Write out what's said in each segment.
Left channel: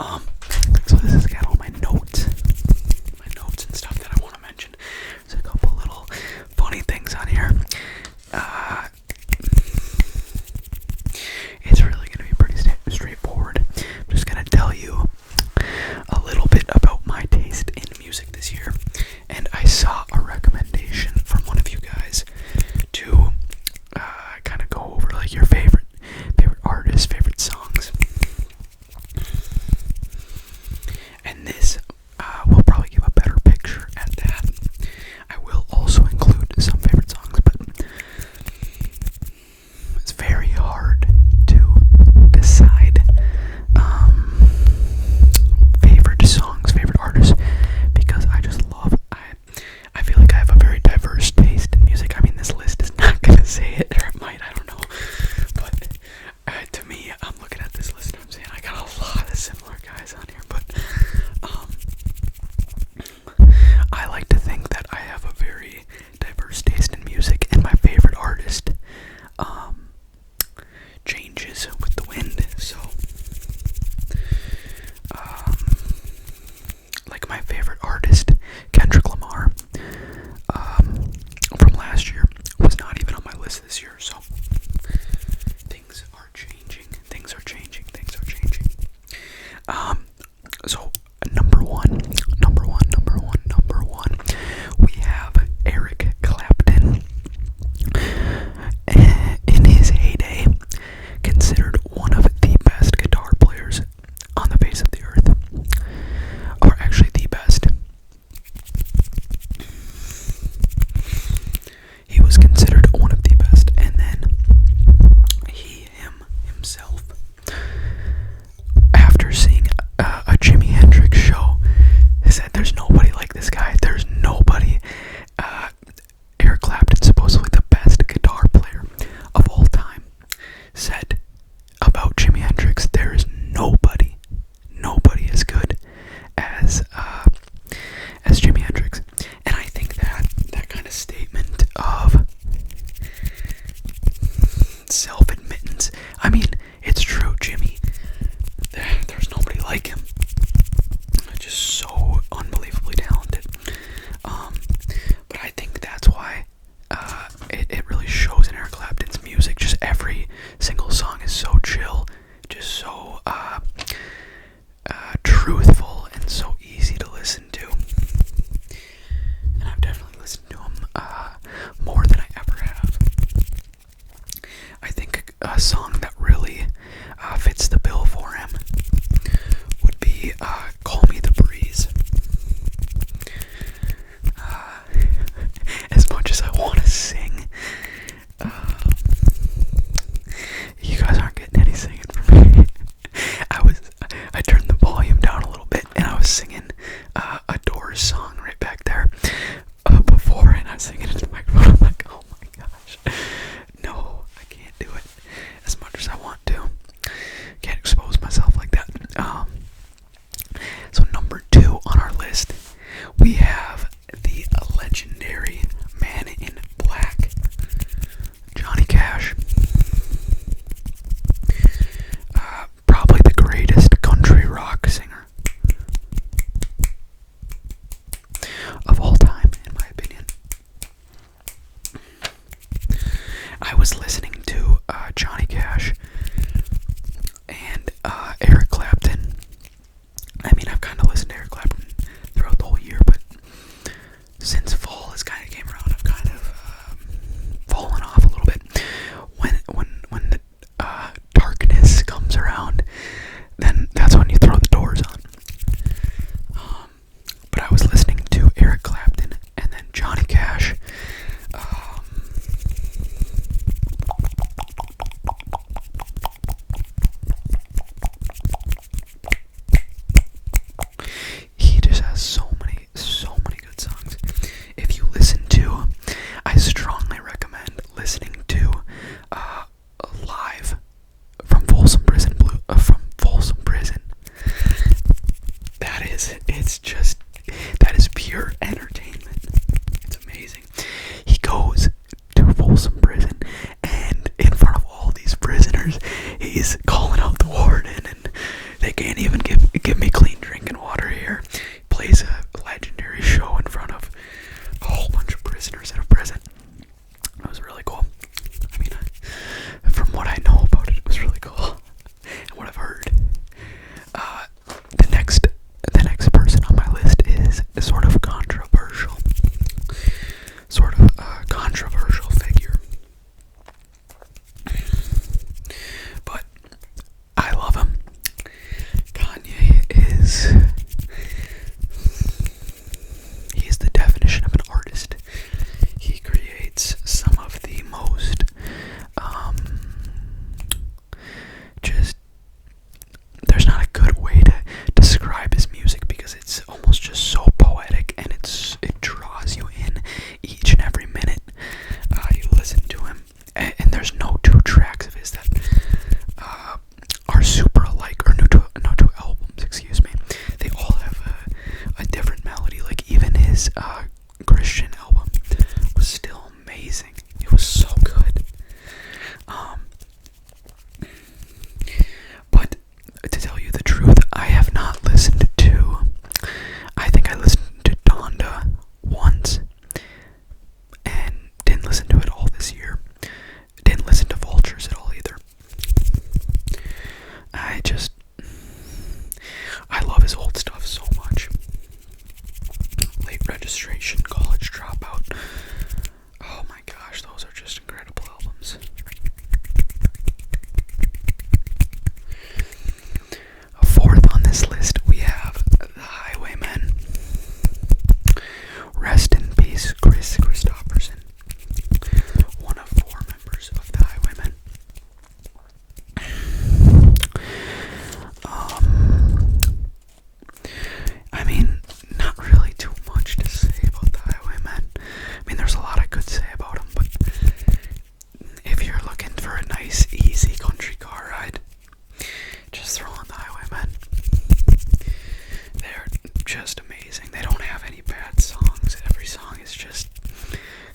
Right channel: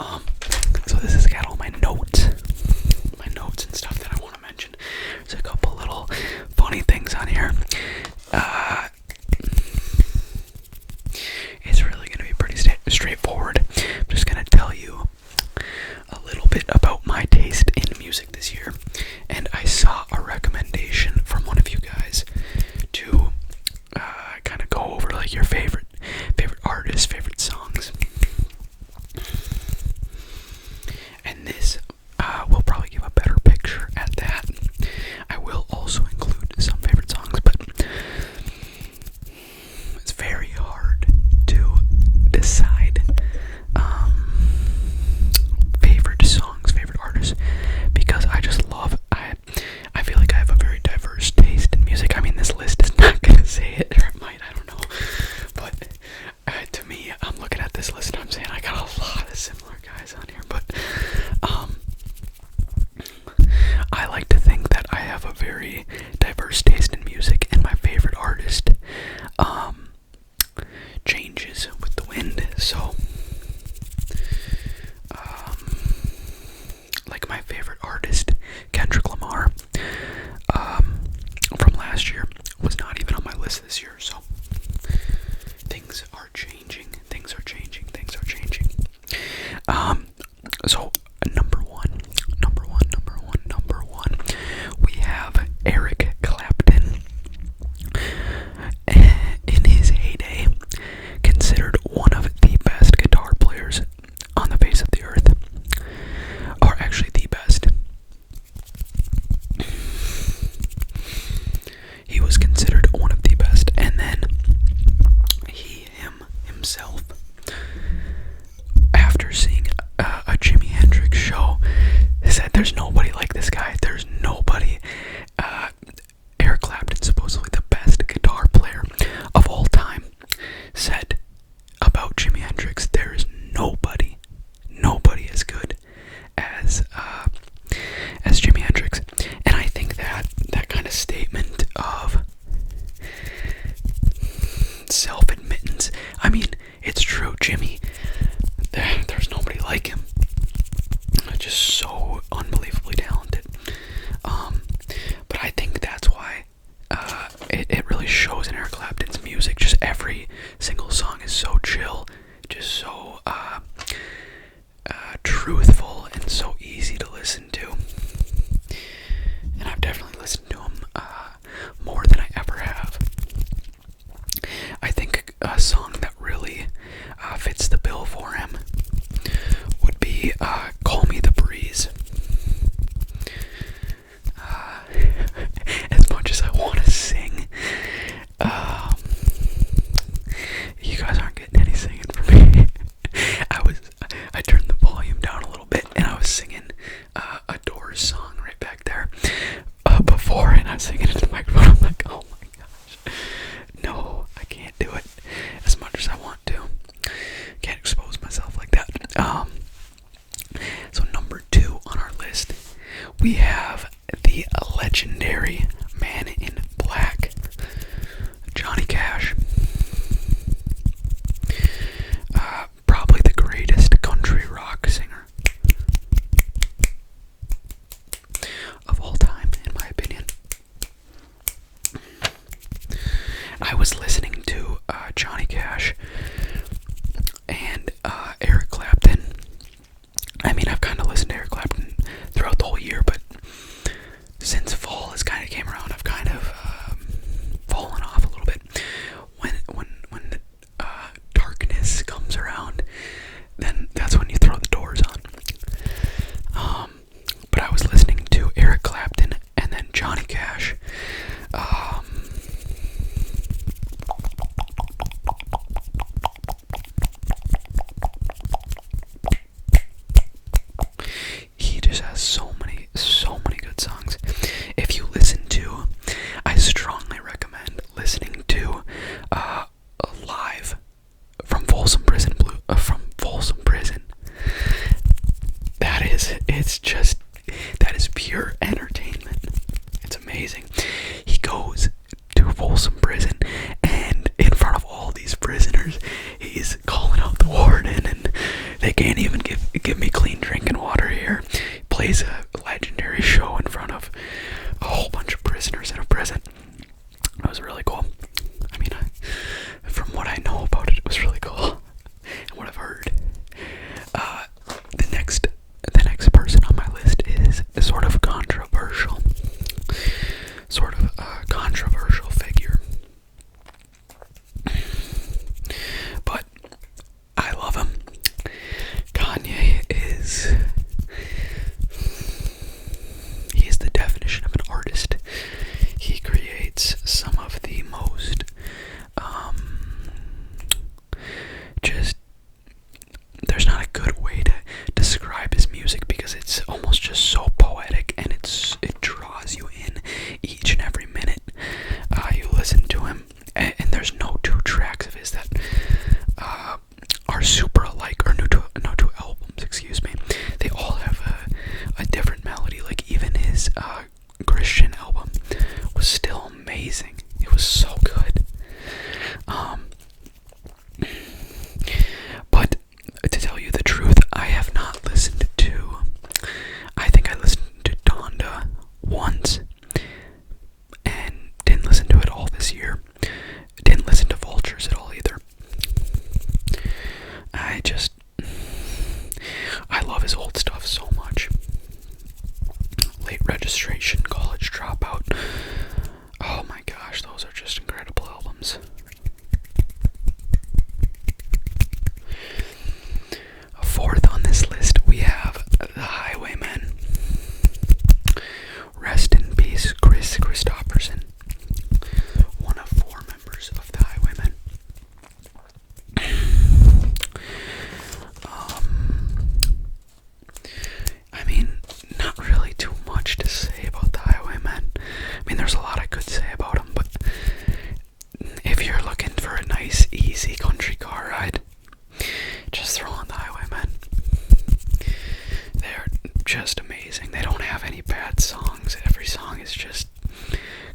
Um, so this has got all my notes and stuff that I want to mention. There's a couple little funny things on here. It's really going to be pretty straightforward. I'm just going to tell you a little bit about my taste in music this year, and I saw a recommendation from one of you guys to kind of go over like your favorite artists, favorite songs, and this will probably give a better picture at that. I will also include some favorite songs, but it's very hard to decide favorite songs, favorite artists, because I just love, I feel like I have a very diverse taste in music. I mean, this list is not gonna say it, or it might, I don't know, but to me, I'm looking at this list and I'm saying I got a lot of similar guys on here, but I like to think that I have a very diverse taste in music, and my favorite artist changes with the wind. So like my favorite artist, Kendrick Lamar, from last year, was not even on my list this year. So things are changing. So number one, we have Eric Clapton. In his heyday, considered one of the best guitar players on the face of the earth, or actually the best. He was considered one of the best, and then himself, after seeing a Jimi Hendrix show, said there's nobody like this guy. There's nobody. Eric Clapton, supposedly the best guitar player of all time, said about Jimi Hendrix, there is nobody as good as Jimi Hendrix. And I think that kind of statement of self-admittance, I mean, it's true. Jimmy, there's nobody like him. Just so unbelievably talented. But I think that's why it really shows in Eric Clapton's music. Just every single song is so chill, just so truthful, and so easy to listen to. And I've definitely listened to him more than I ever have. I think a song that really fits the bill for him would be Call Me the Breeze. As much as I want to sing, you guys aren't getting any singing from me. I turned the volume down a little bit, and I was singing a Doors song right back there before, and I was singing it in the microphone. I'm like, oh my gosh, no, I can't do it as much as I want to. Can't expose myself like that. So number 2 on our list, we have the legendary Man in Black, Johnny Cash. Probably the greatest country rock singer of all time, in my opinion. I was listening to Johnny Cash and Eric Clapton. I mean, I've kind of listened to Eric Clapton throughout the whole year, but since fall has kind of came around, I've kind of fallen off a little bit. When the darkness comes around, then that's when you throw the Doors on. But I was listening to Eric Clapton and then Johnny Cash. He just has so many good songs. If you listen to, I strongly recommend listening to live from Folsom Prison that is pure entertainment. It's amazing. He goes to Folsom Prison, and in front of all these prisoners, he's calling out the warden, and they can't even even give me clean drinking water here. He plays a legendary show in front of a whole bunch of prisoners in a prison. It was really cool. I mean, from what I know about it, it was really cool. And what I've heard. The next person on my list is sort of controversial. Sort of a controversial figure. But I love him. Kanye he's the definition of an artist. He creates some of the most there's not a good way to describe his music because it's almost just so poetic, and it draws you in each and every minute you listen to him. And there's no two tracks of his that are super alike, or no two albums, excuse me. They all have a different melody. Like even his Christian album was still amazing. It was so good. But to tell you the truth, I have not listened to. I think I listened to Donda once, and didn't listen to it all this year. Didn't listen to Vultures at all either. I love his old stuff so much. Late Registration, College Dropout. Oh my gosh, those are just incredible albums. Fourth on this list, we have the Highwaymen. Rest in peace, Chris Christopherson, one of 4 members of the Highwaymen. I mean, not really too much to say about the Highwaymen. I mean, there's a lot I could say about them, but if you're looking for a nice, easy country car ride, just throw on the Highwaymen. They're just amazing. They don't have any bad songs. Every song is just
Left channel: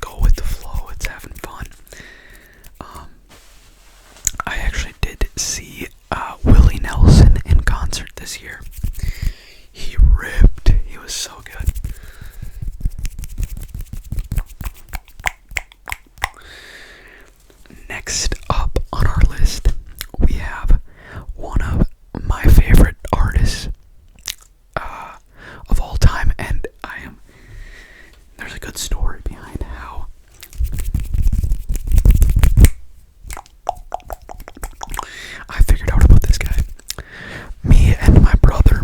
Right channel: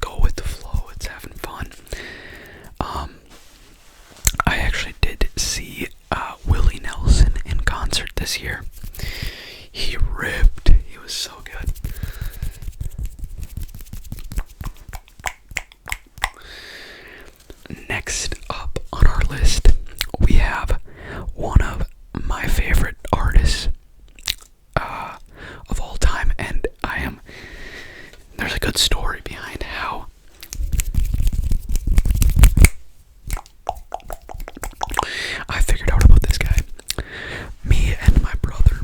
go with the flow. It's having fun. I actually did see Willie Nelson in concert this year. He ripped. He was so good. Next up on our list, we have one of my favorite artists of all time, and there's a good story behind how I figured out about this guy. Me and my brother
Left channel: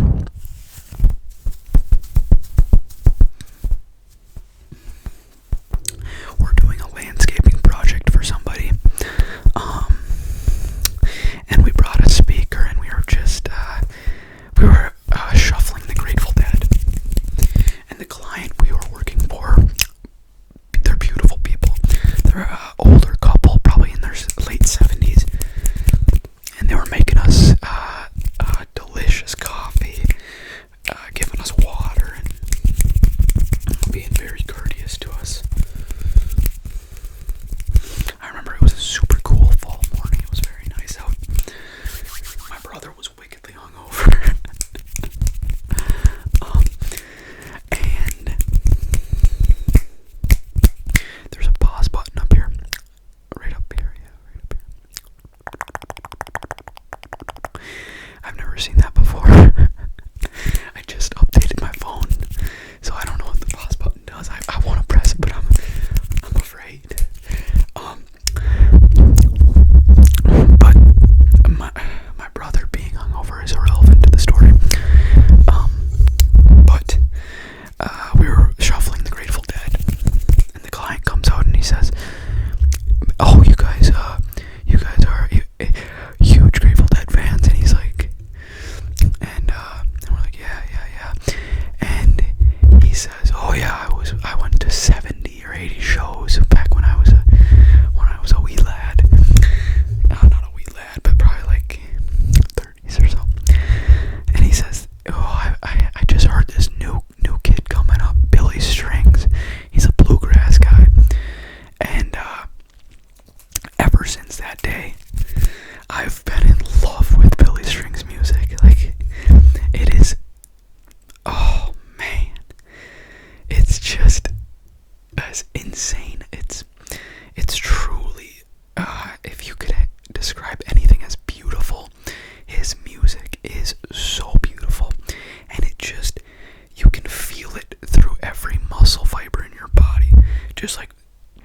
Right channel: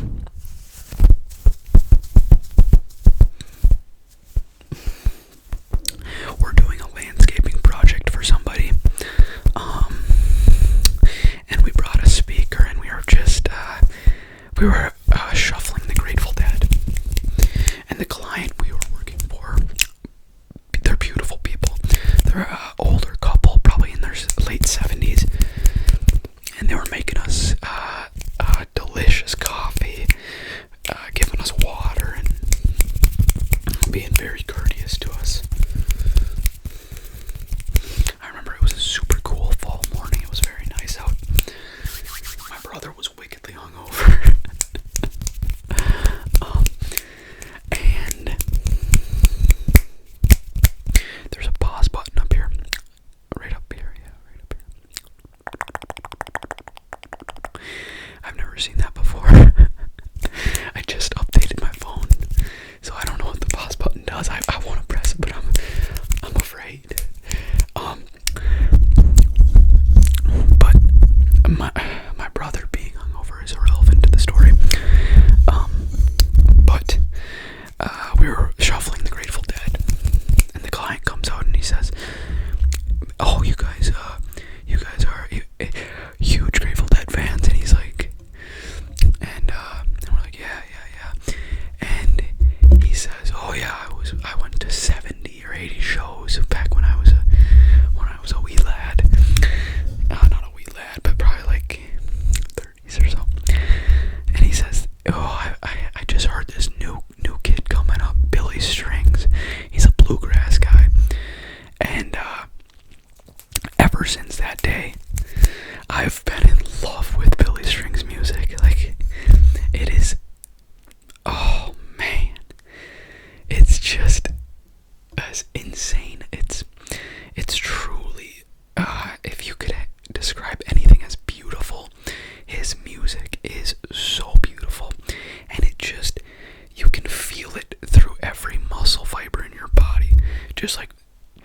muscle fiber in your body, just like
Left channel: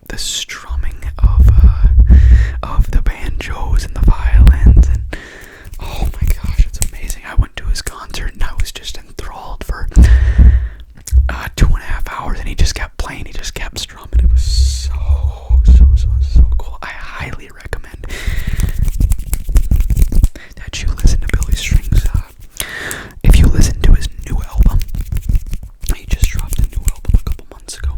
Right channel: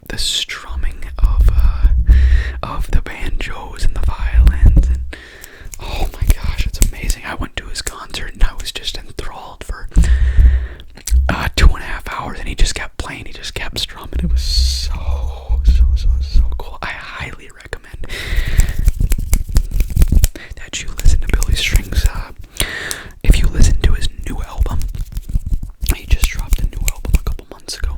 the strumming of the banjos and the violins, and oh my gosh, it's amazing. I went to his concert and I was just enthralled for 2.5 hours, and he just kept playing, he just kept strumming. It was so cool. I highly recommend that you listen to Billy Strings. If you listen to his new album, he just dropped a new album a couple months ago.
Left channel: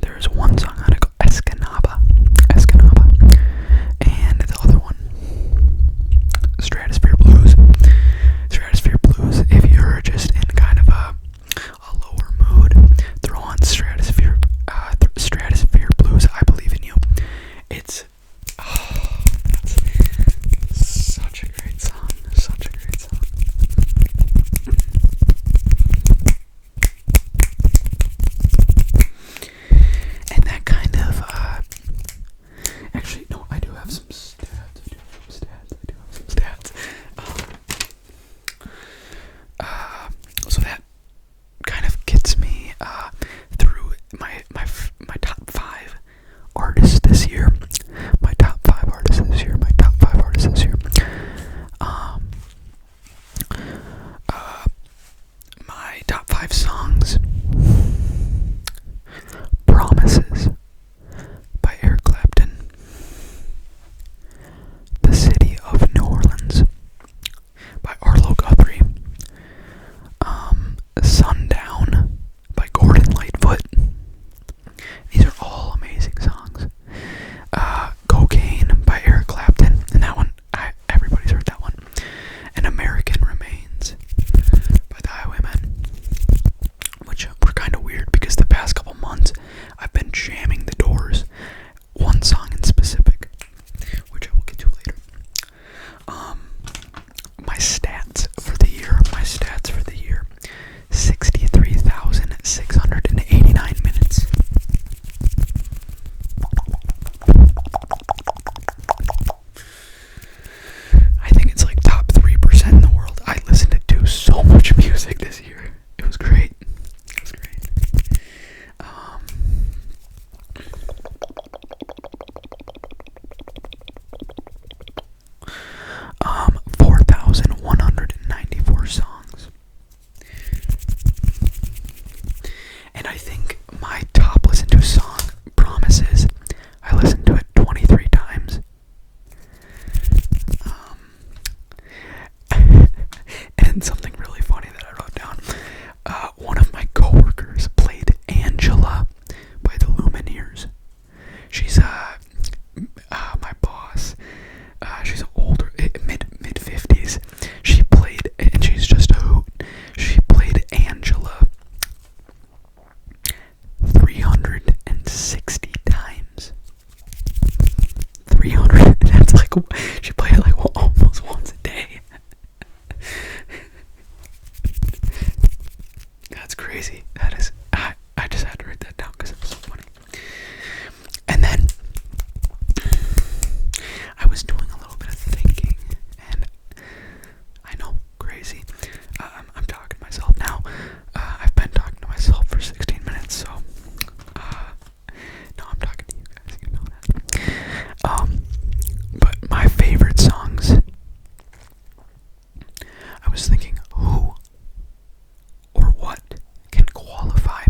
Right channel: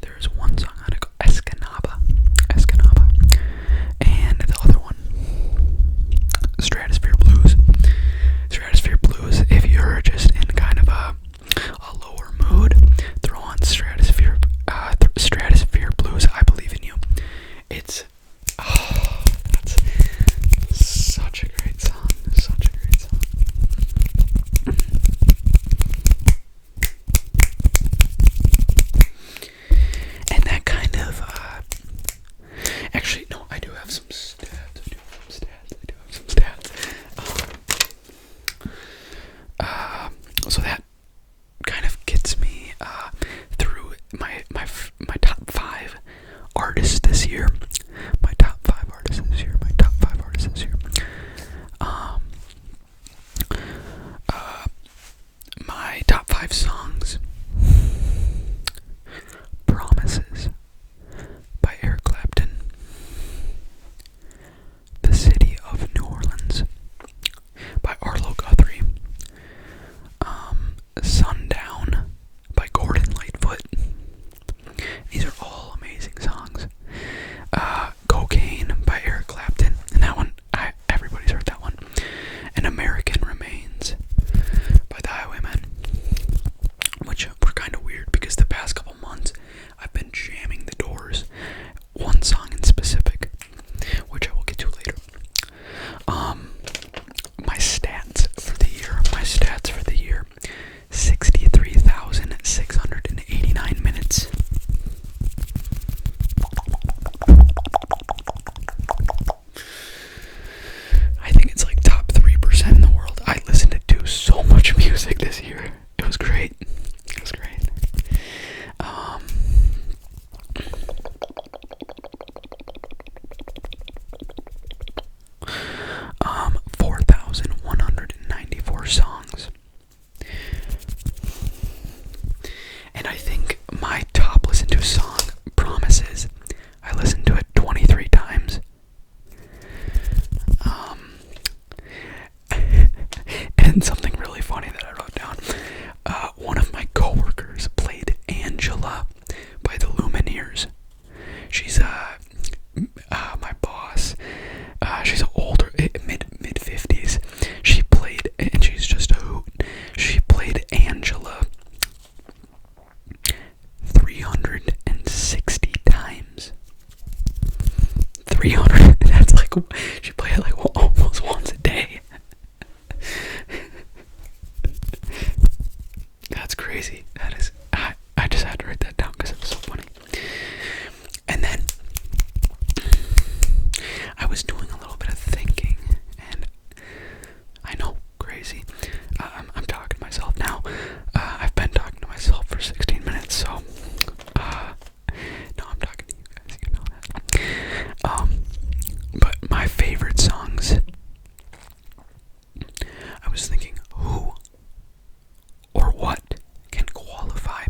There's one song on it called Escanaba, and the other one, Stratosphere Blues. If you're just in kind of a lower mood, throw on Stratosphere Blues. I Believe in You. It's that's such a great song. And that kind of actually, no, I do have some stats. So that kind of gets me through my top 5 artists this year. My top 5 artists this year. My top 5 songs: Promises by Eric Clapton, The City of New Orleans by Arlo Guthrie, Sundown by Gordon Lightfoot. These are all amazing songs. Cocaine by Eric Clapton, and that one, everybody's heard that one. And American Remains by the Highwaymen, which were kind of weird because the past couple months I've been jamming the Doors, one song in specific, which I will get to later. My stats for the year, 63,689 minutes. I think it's like top 3% in the world. I listened to so much music this year. It was great. 4,194 songs. And I think my top listened to song, Promises, I listened to it 23 times. And something really funny that I wrote down. One of my coworkers played Angela by the Lumineers. She's my boss. She's older, mid-50s. She played, and she's just a hoot. She played Angela 360 times. 300. That's like, she played it like almost once a day. That's crazy. That is, I just had to write that down because it was so funny. And then I was doing a little bit of thinking, and I know, crazy. I'm talking to myself now. I've been talking to myself for 16 minutes, so no, I'm talking to you guys. You know that. But my favorite songs. I was thinking, who or what can qualify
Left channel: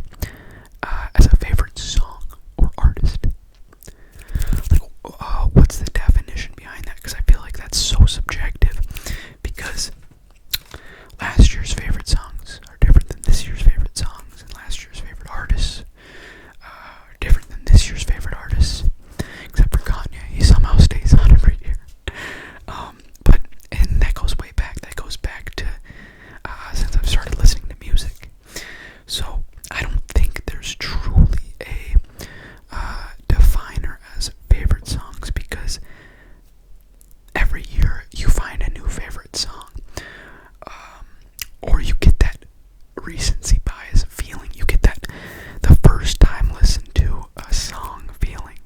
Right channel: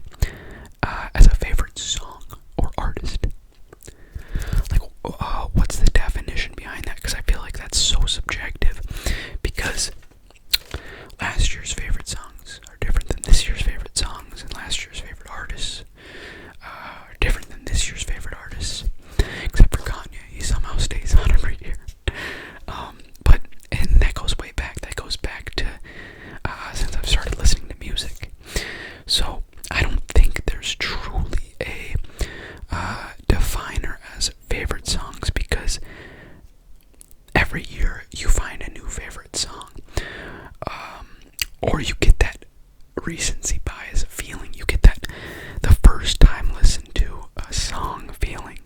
as a favorite song or artist? Like, what's the definition behind that? Because I feel like that's so subjective. Because last year's favorite songs are different than this year's favorite songs, and last year's favorite artists are different than this year's favorite artists. Except for Kanye, he somehow stays on every year. And that goes way back. That goes back to since I've started listening to music. So I don't think there's truly a definer as favorite songs, because every year you find a new favorite song, or you get that recency bias feeling. You get that the first time listen to a song feeling.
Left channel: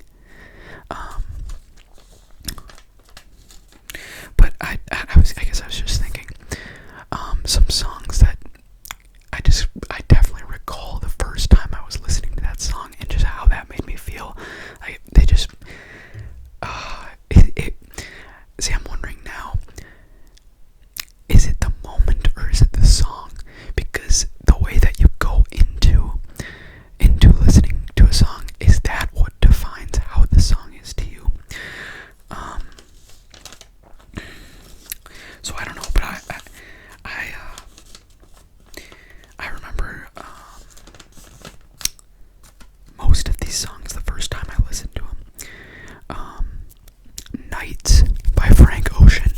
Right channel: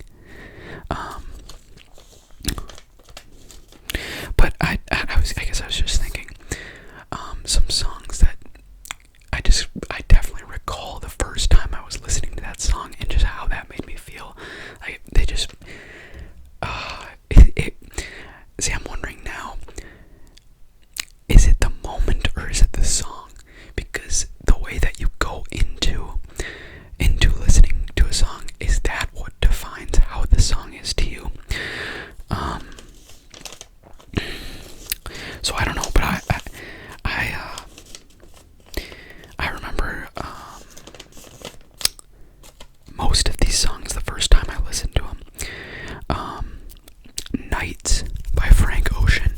But I guess I Nights by Frank Ocean.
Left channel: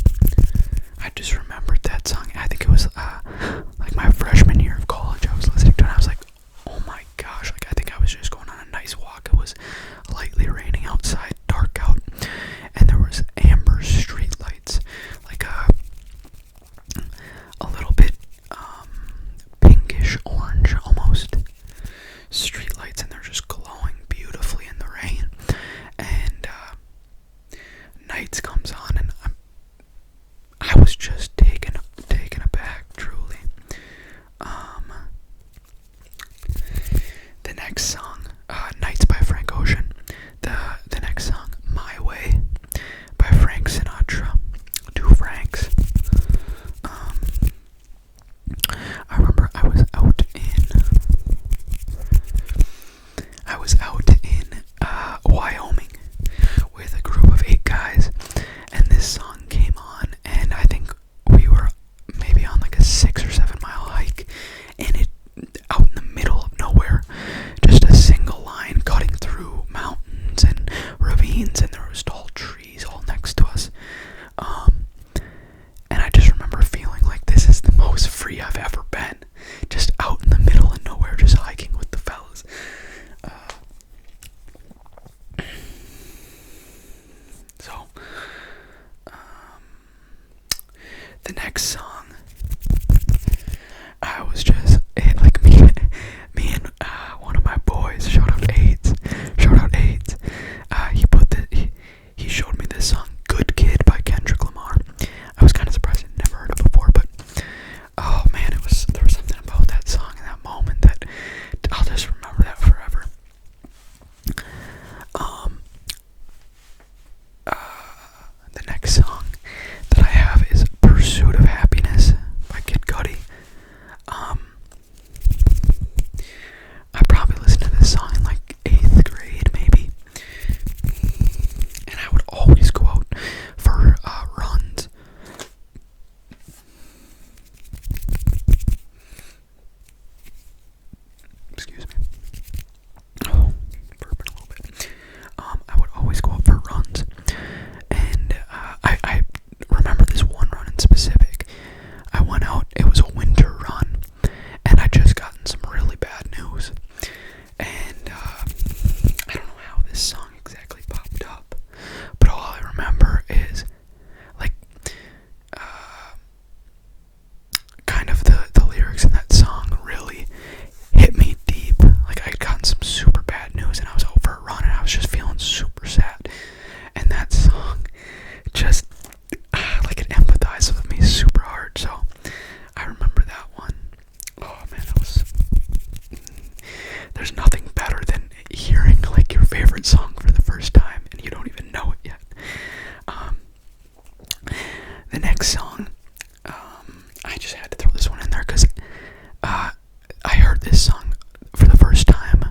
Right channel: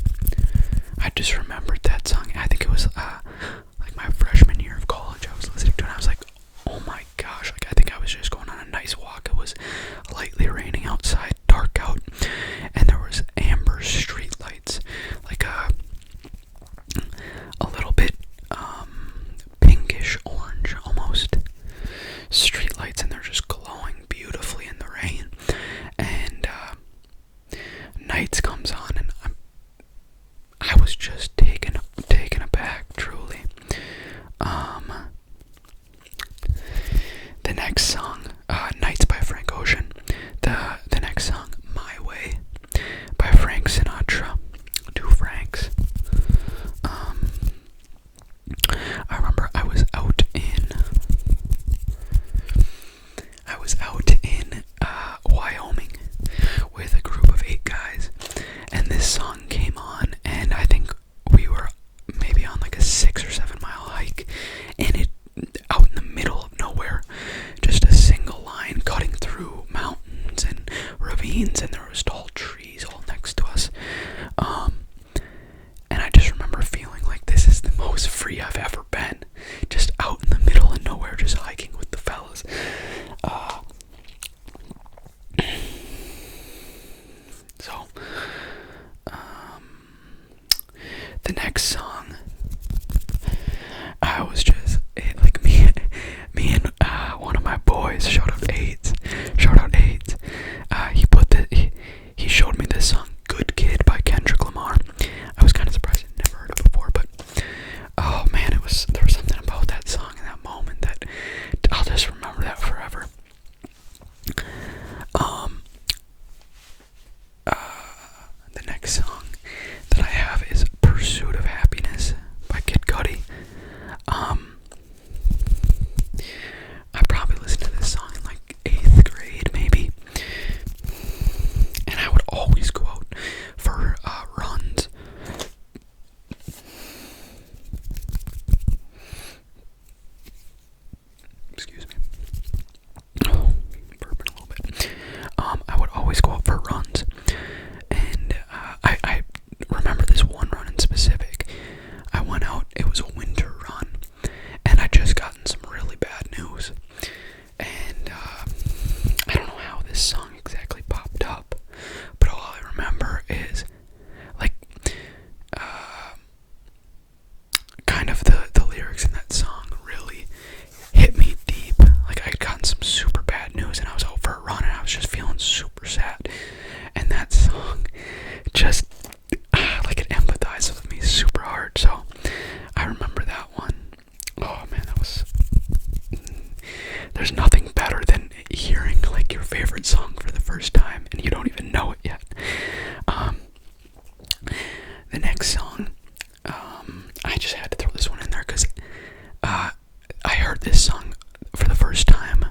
I just remembered that song. I think it was like my freshman year of college. I was listening to it and I was like, oh my gosh, like I think I was just going on a nice walk. It was lightly raining outside, dark out, and there was amber street lights, like a little bit pinkish orange almost street lights, and they're just glowing beautifully in the rain. And Nights comes on, and I was just taken aback, truly. The next song, Nights by Frank Ocean. The next song, My Way by Frank Sinatra. Two Franks. I remember I was out in Wyoming with a group of 8 guys, and this song came on, and I think we were maybe on like a 6 or 7 mile hike, and it out in the middle of nowhere, just a single line cutting through mountains and ravines, and there was tall trees all next to us. And I just remember feeling like this is the most free I've ever been, just out in the middle of nowhere, just hiking with the fellas. The next song, I was just like me and one of my boys, shout out AIDS. He showed me this song, "Good Kid" by Kendrick Lamar. I was kind of surprised I'd never heard it before, but oh man, there was something about that song in that moment that I'll just remember that forever. The next song that I have is "Pursuit of Happiness" by Kid Cudi. I probably listened to this song in like 8th grade, maybe. And I would always go out for runs. Excuse me. Oh, burping a little bit. I would always go out for runs. And I remember this one run in specific. I went out, it was a winter run, and I just gotten some really bad news. And I don't know how this song exactly popped up, but all I remember is like kind of the lyrics in that song really hit me deep. Like I'd gotten some super bad news and I was out for a run and I was just feeling super sad. And that song just like it empathized with me super hard. So I remember that one. Oh man, there's nothing better than hearing like your favorite song for the first time and you don't even know it yet. The next song, I just had to throw this one in there because I heard this song for the first time,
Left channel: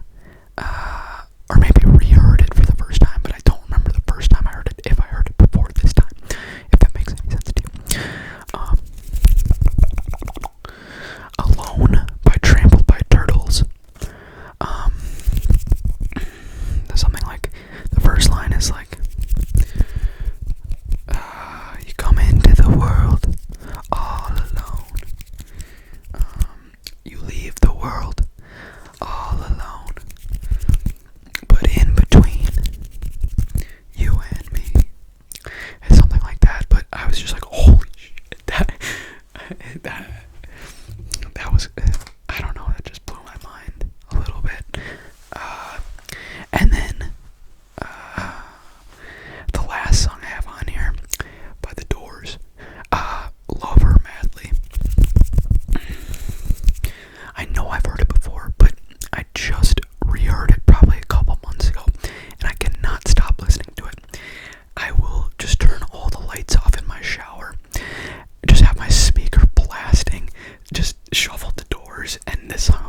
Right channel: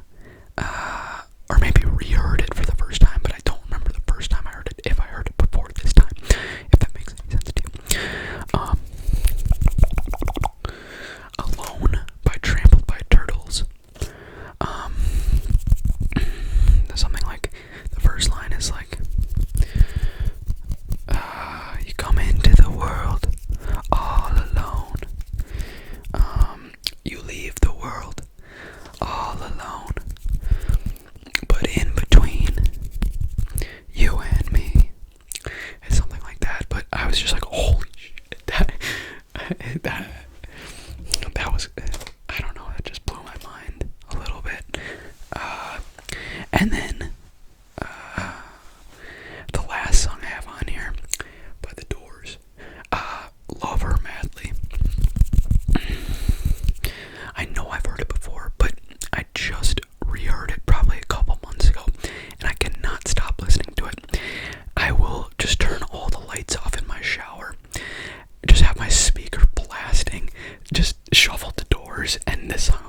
or maybe reheard it for the first time, but I don't remember the first time I heard it, if I heard it before this time, if that makes any sense to you. Alone by Trampled by Turtles. Something like, the first line is like, you come into the world all alone. You leave the world all alone. But in between you and me. It's something like that, but I was just like, holy shit, that was, I don't know, that just blew my mind a little bit. And then, the last song I have on here, by The Doors, Love Her Madly. I know I've heard it before, but I just reheard it probably a couple months ago, and I cannot stop listening to it. I will just turn all the lights off in my shower, just have my speaker blasting, just shuffle The Doors, and this song